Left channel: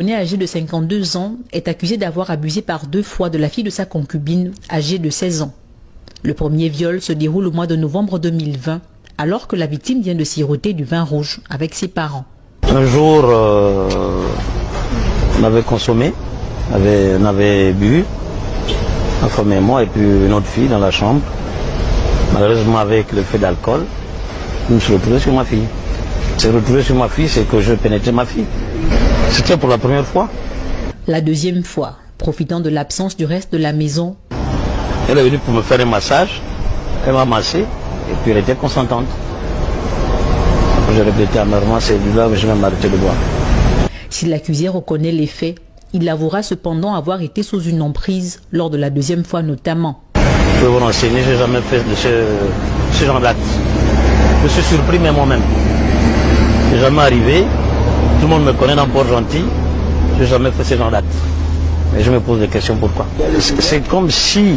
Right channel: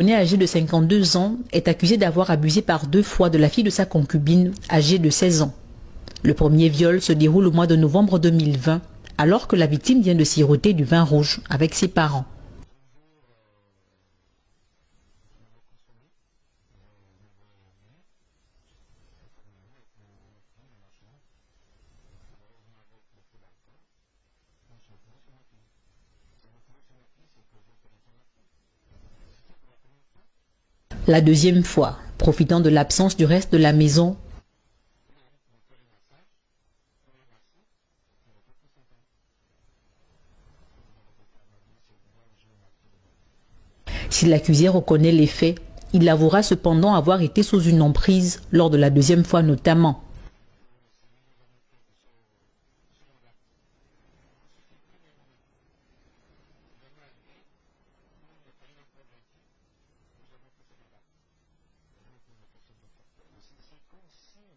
Né âgé de 52 ans est accusé d'avoir abusé par 2 fois de la fille de sa concubine âgée de 16 ans. Le premier viol se déroule au mois de novembre 2020 alors que la victime vient de siroter du vin rouge avec ses parents. Un jour, on avait consommé, on avait bu, ma femme et moi, et puis une autre fille dans la chambre. Malheureusement, avec le fait d'alcool, je me suis retrouvé sur ma fille. C'est retrouvé sur ma fille, c'est que je pénétrais ma fille. C'était pour la première fois. La deuxième fois, profitant de l'absence du reste de la maison, elle est venue pour me faire un massage, elle m'a massé, et puis elle était consentante. Après, j'ai répété amèrement, c'est là que je vais m'arrêter de boire. Si l'accusé reconnaît les faits, il avouera cependant avoir été sous une emprise lors de la deuxième fois notamment. Je peux vous renseigner, je n'ai jamais fait de ce genre d'acte. Je suis surpris même moi-même. Je n'ai jamais arrivé, tout le monde me connaît dans Port-Gentil, je n'ai jamais fait ce genre d'acte. Mais je me pose des questions pourquoi. C'est comme si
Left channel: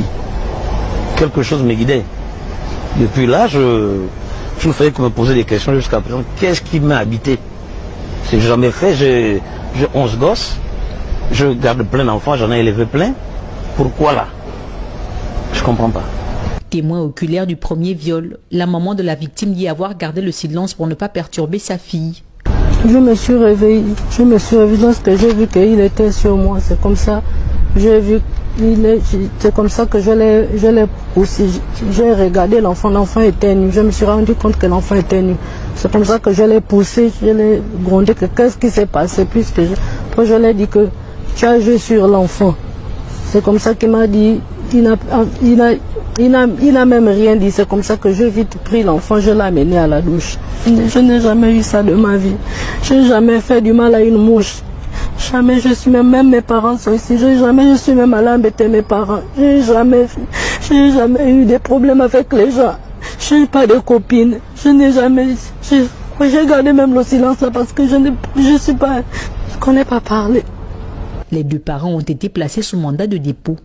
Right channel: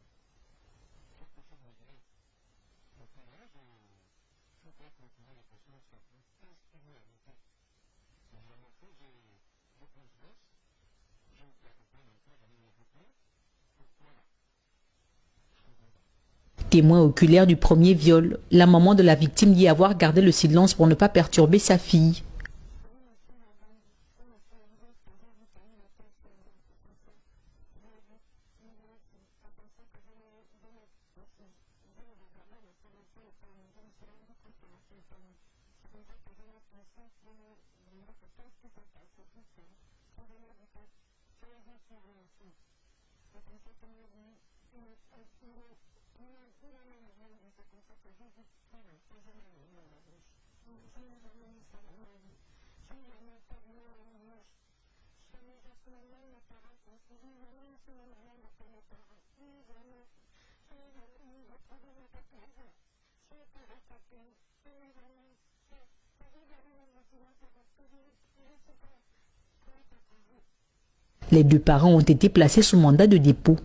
quelque chose me guidait. Depuis là, je ne faisais que me poser des questions jusqu'à présent. Qu'est-ce qui m'a habité? C'est que je n'ai jamais fait, j'ai 11 gosses, je garde plein d'enfants, j'en ai élevé plein. Pourquoi là? Je ne comprends pas. Témoin oculaire du premier viol, la maman de la victime dit avoir gardé le silence pour ne pas perturber sa fille. Je me suis réveillée lorsque j'ai vu qu'il était sur moi. C'est comme ça, c'est comme ça que je l'ai poussé. J'ai regardé l'enfant, l'enfant était nu. Je me suis rendu compte que l'enfant était nu. C'est comme ça que je l'ai poussé, je l'ai grondé. Qu'est-ce qui s'est passé? Après je l'ai dit que tu as joué sur l'enfant. C'est comme ça qu'il m'a dit, il n'a même rien dit. C'est comme ça que j'ai vite pris l'enfant, je l'ai amené à la douche. Je n'ai jamais eu ça de ma vie. Je n'ai jamais fait du mal à une mouche. Jamais je suis même mes parents sont ici. Jamais je suis même allée embêter mes parents. Je n'ai jamais eu des problèmes avec les gens. Je n'ai pas de copine. Je n'ai jamais. J'ai gardé même le silence là parce que je ne connais pas parler. Les 2 parents ont été placés sous mandat de dépôt.